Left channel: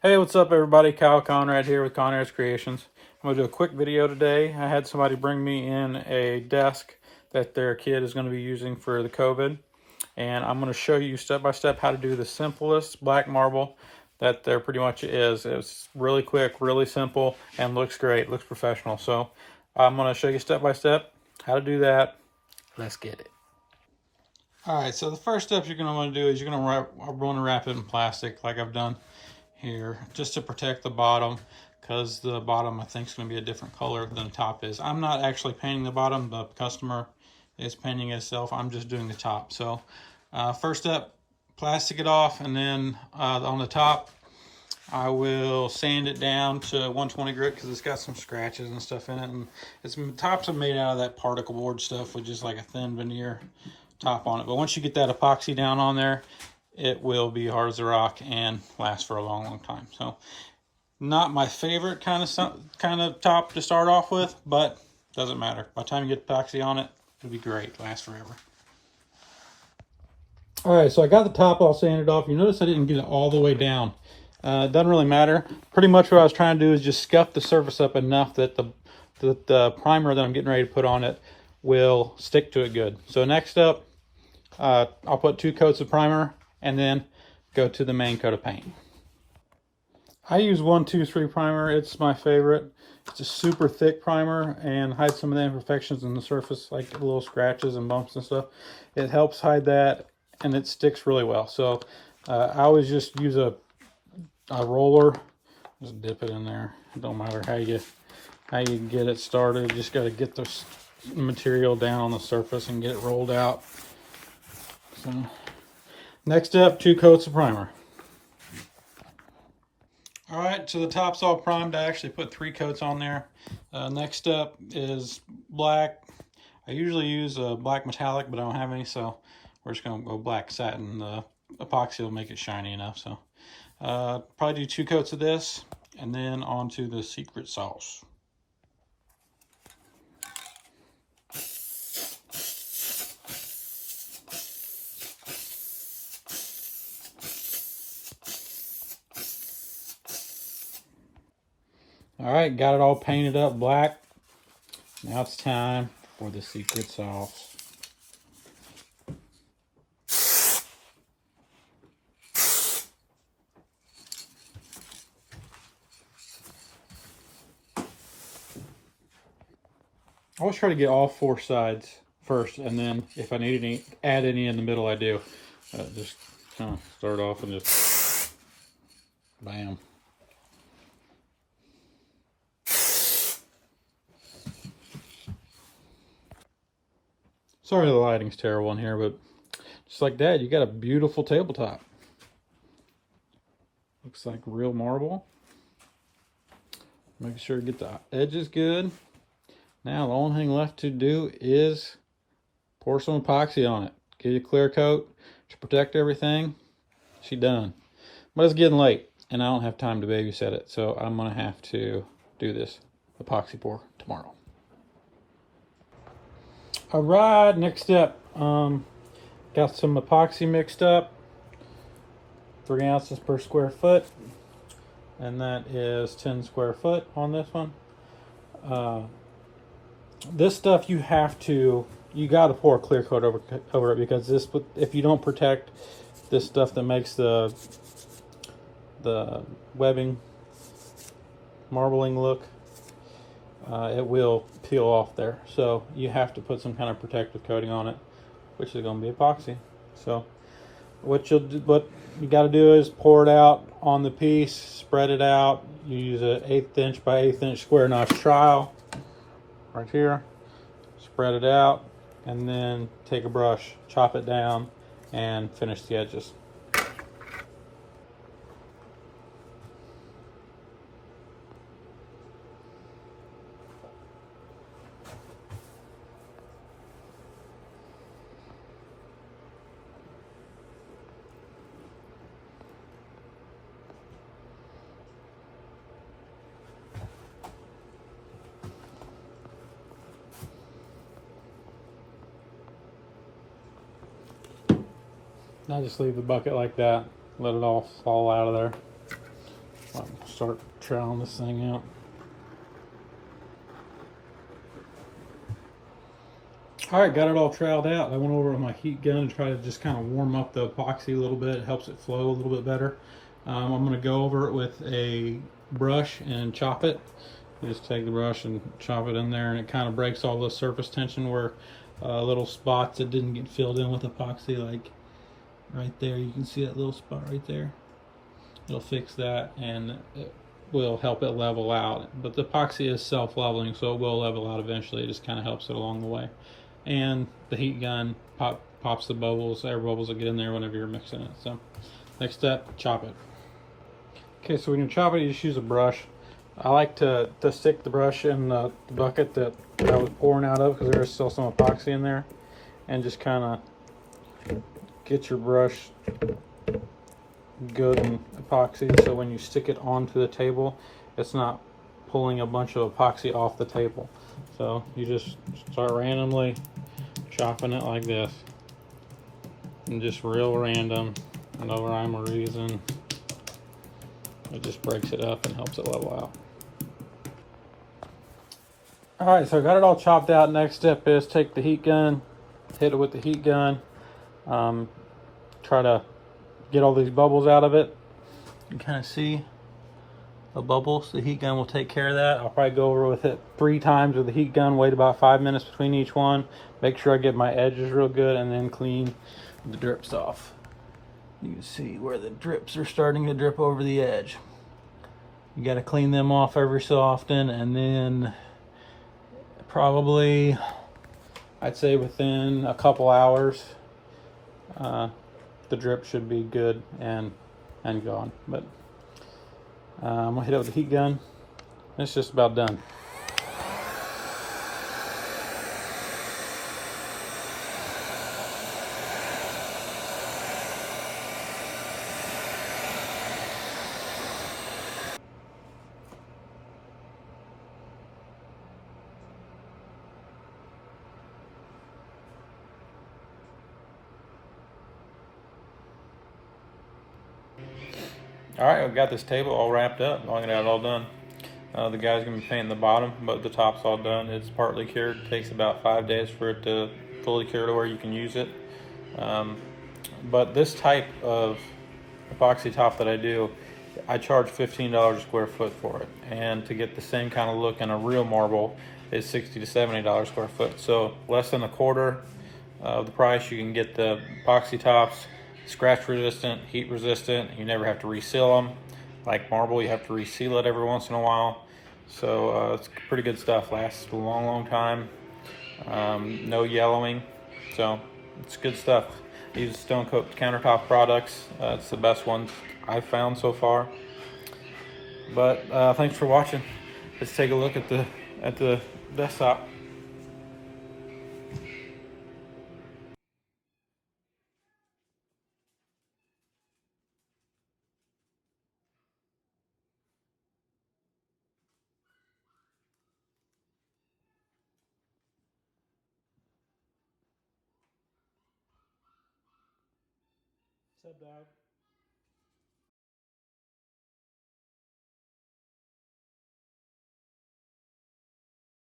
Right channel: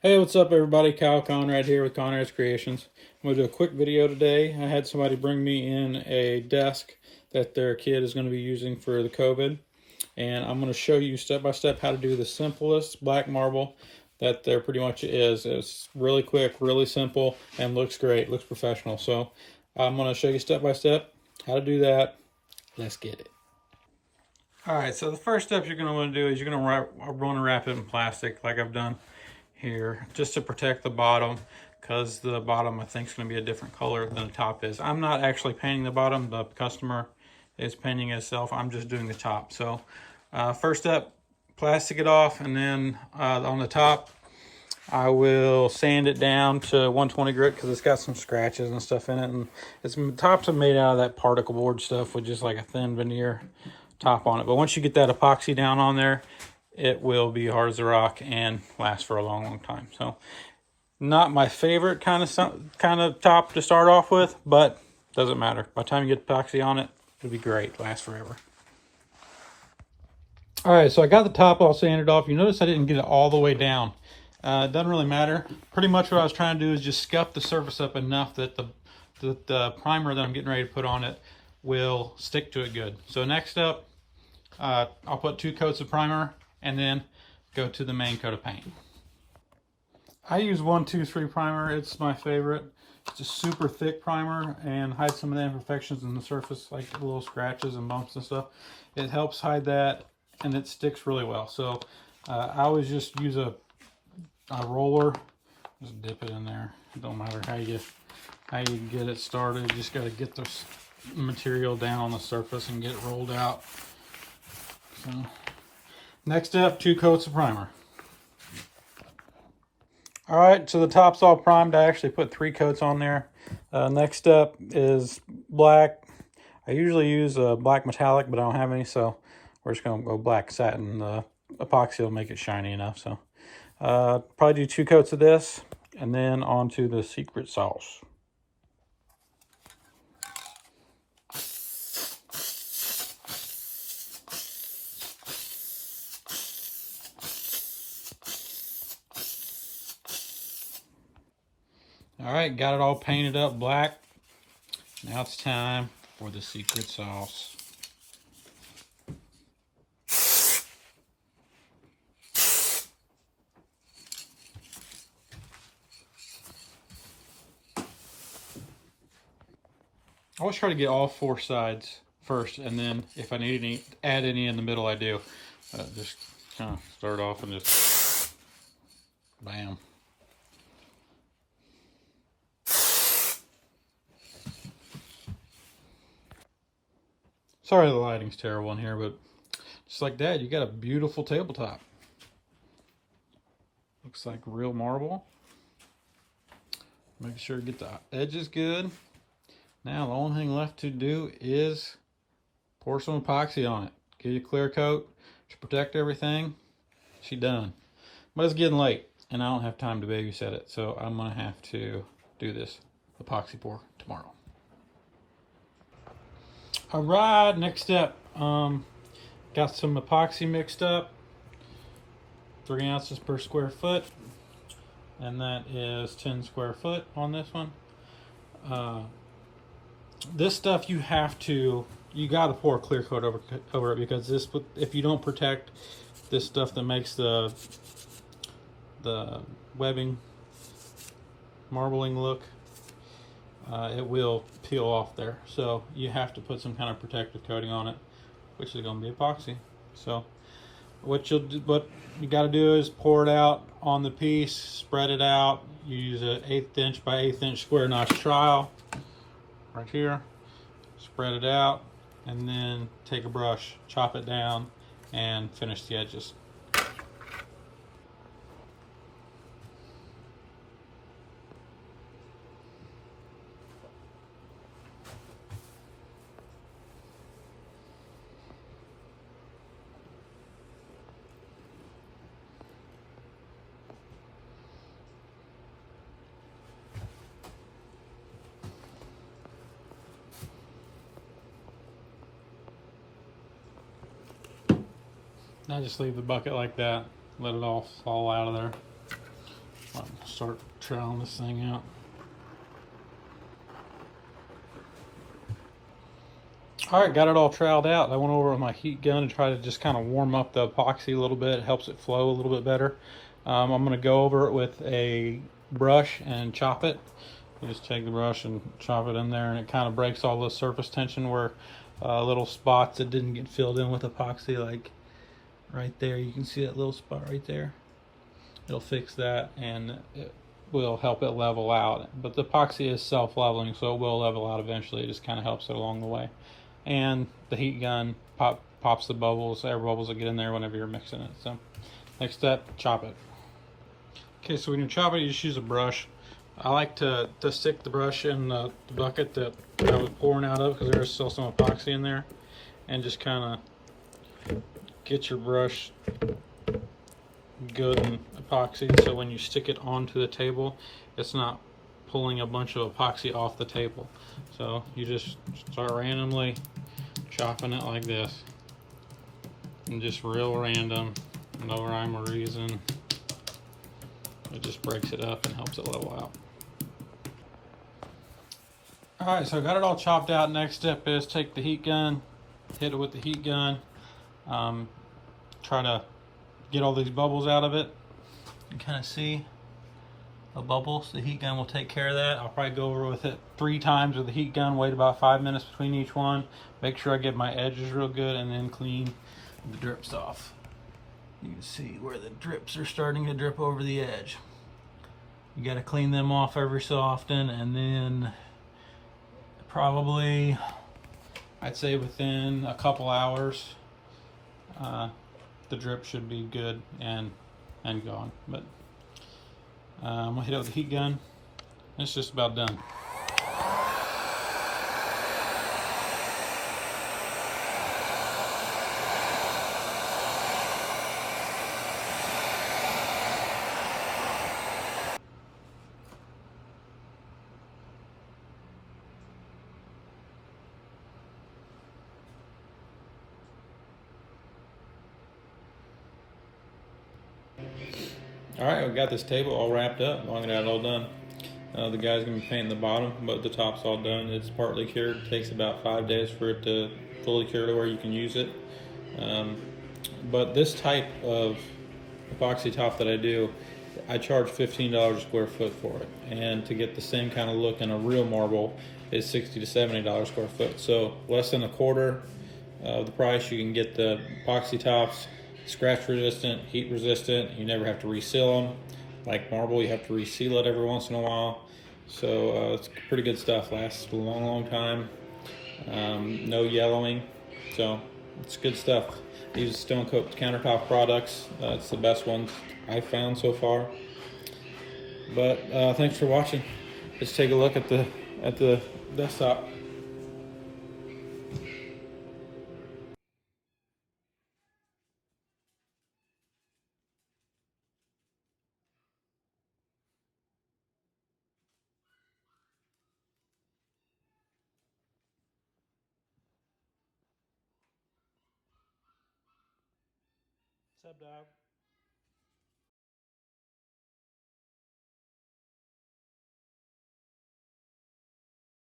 Hey, what's up everybody? Kyle Conrad here with Conrad's Creations. I'm going to do a quick video today. I had somebody bring me in a desk that their kid is going to be using for the COVID. And I'm going to show you step by step how to do the simplest black marble that there pretty much is. It's really quick, really simple, and looks great, looks professional. So I'm going to show you step by step how to do that. Let's get it. All right, so the first step you're going to want to do is you're going to wrap it in plastic like I've done here, just to protect the bottom, because the bottom I think is going to be a different color than the top is. I'm not actually painting the bottom, the customer is painting itself. I'm just doing the top. So first step, plastic it off, and then on the top I will sand it down to 120 grit because it's got some scratches and stuff in it, and the tops are made out of that particle board stuff with just like a thin veneer top on it. But once you get that epoxy down on there, it will be hard as a rock and last for a long, long time. So not my favorite kind of top to start off with, but doesn't matter. By the time you get epoxy on it, it'll be great, last forever. All right, so I got the top all sanded off. You notice I didn't get it all the way down. It doesn't really matter. Pretty much what I was trying to do is just scuff the surface up enough that the primer that I'm getting ready to put on it will stick to it good. So next up, I'll put 2 coats of primer and then go to the main coat of paint. I use 1-2-3 primer. It's my favorite. It's a super thick primer and hides some of the imperfections in the surface, like little scratches and bumps and stuff. It helps hide that, and it sticks really well. So I always just use a roller. Just dip it in there. It don't matter how you get it started. You just got to get the material down on the surface and get it rolled out. So, next up, 2 coats of primer. All right, so the top's all primed. I actually put 3 coats on there. Next up is black. I usually use a black metallic, but I don't have any, so we're just gonna go black satin. The epoxy will make it shiny enough. So probably do 2 coats of this, and then on to the secret sauce. All right, got it all painted up black. Now it's time for the secret sauce. I always try to get all 4 sides first, and then if I need any, add any in the middle, I do. Just kind of start off and just bam. Sorry the lighting's terrible in here, but just like that, you got a beautiful tabletop. Looks like real marble. Make sure to get the edges good. Now the only thing left to do is pour some epoxy on it. Get a clear coat to protect everything. She's done. But it's getting late and I don't have time to babysit it, so I'm gonna have to do this epoxy pour tomorrow. All right, next step. Got some epoxy mixed up, 3 ounces per square foot, and that is 10 square foot on this one. This stuff you got to pour a clear coat over it, because if you don't protect this stuff that makes the webbing marbling look, it will peel off there. So you have to put some kind of protective coating on it, which is going to be epoxy. So what you got to do is pour it out on the piece, spread it out. You use an 1/8 inch by 1/8 inch square notch trowel right here. Spread it out, and then take a brush, chop it down, and finish the edges. I just leave the bucket like that, let it all fall out of there. Start troweling this thing out. All right, got it all troweled out. I went over with my heat gun and tried to just kind of warm up the epoxy a little bit. It helps it flow a little bit better. I'm going to go over it with a brush and chop it. You just take the brush and chop it in there, and it kind of breaks all the surface tension where little spots that didn't get filled in with epoxy, like right there. You can see that little spot right there. It'll fix that, and it will help it level out. But the epoxy is self-leveling, so it will level out eventually. It just kind of helps it along the way. And the heat gun pops the bubbles, air bubbles that get in there whenever you're mixing it. So next step, chop it. Okay, so when you chop it, you just use a brush. I like to stick the brush in the bucket that I was pouring out of, because there's still some epoxy in there, and just kind of get your brush good and epoxy, so when you stick it onto the table, it's not pulling a bunch of epoxy off the table. So you just start randomly chopping it like this, and just real random, no rhyme or reason. It just breaks it up and helps it level out. Alright, so I got it all chopped out. Next step is take the heat gun, hit it with the heat gun, try to get all these bubbles out of it. You can kind of see the bubbles. The heat gun will take care of that. I'll probably go over with it 3 times with the heat gun, wait about 5 minutes between each one, make sure I get my edges real good, and then clean the drips off. You can see where the drips are starting to drip over the edge. You got to clean them off every so often, and then probably, I'd say within a couple hours, the drip should be good and gone. But I'm gonna hit it with the heat gun. It's just about done. All right, I've got this table all wrapped up. I'm gonna have it all done. The guy's gonna be painting the bottom, but the top's all done. It's partly cured. It takes about 5 days for it to fully cure to where you can use it. But this type of epoxy top that I do, I charge $15 a square foot for it. And to get the same kind of look in a real marble is $60 to $70 a square foot. So less than a quarter of the price. You can get the epoxy tops, scratch resistant, heat resistant. You never have to reseal them. Like marble, you have to reseal it every once in a while. So it's pretty good stuff. Lasts a long time. No yellowing. So it's good stuff. I use Stone Coat countertop products. It's the best ones I've found so far. But thanks for watching. Let's take a look at the desktop. What's up, dog?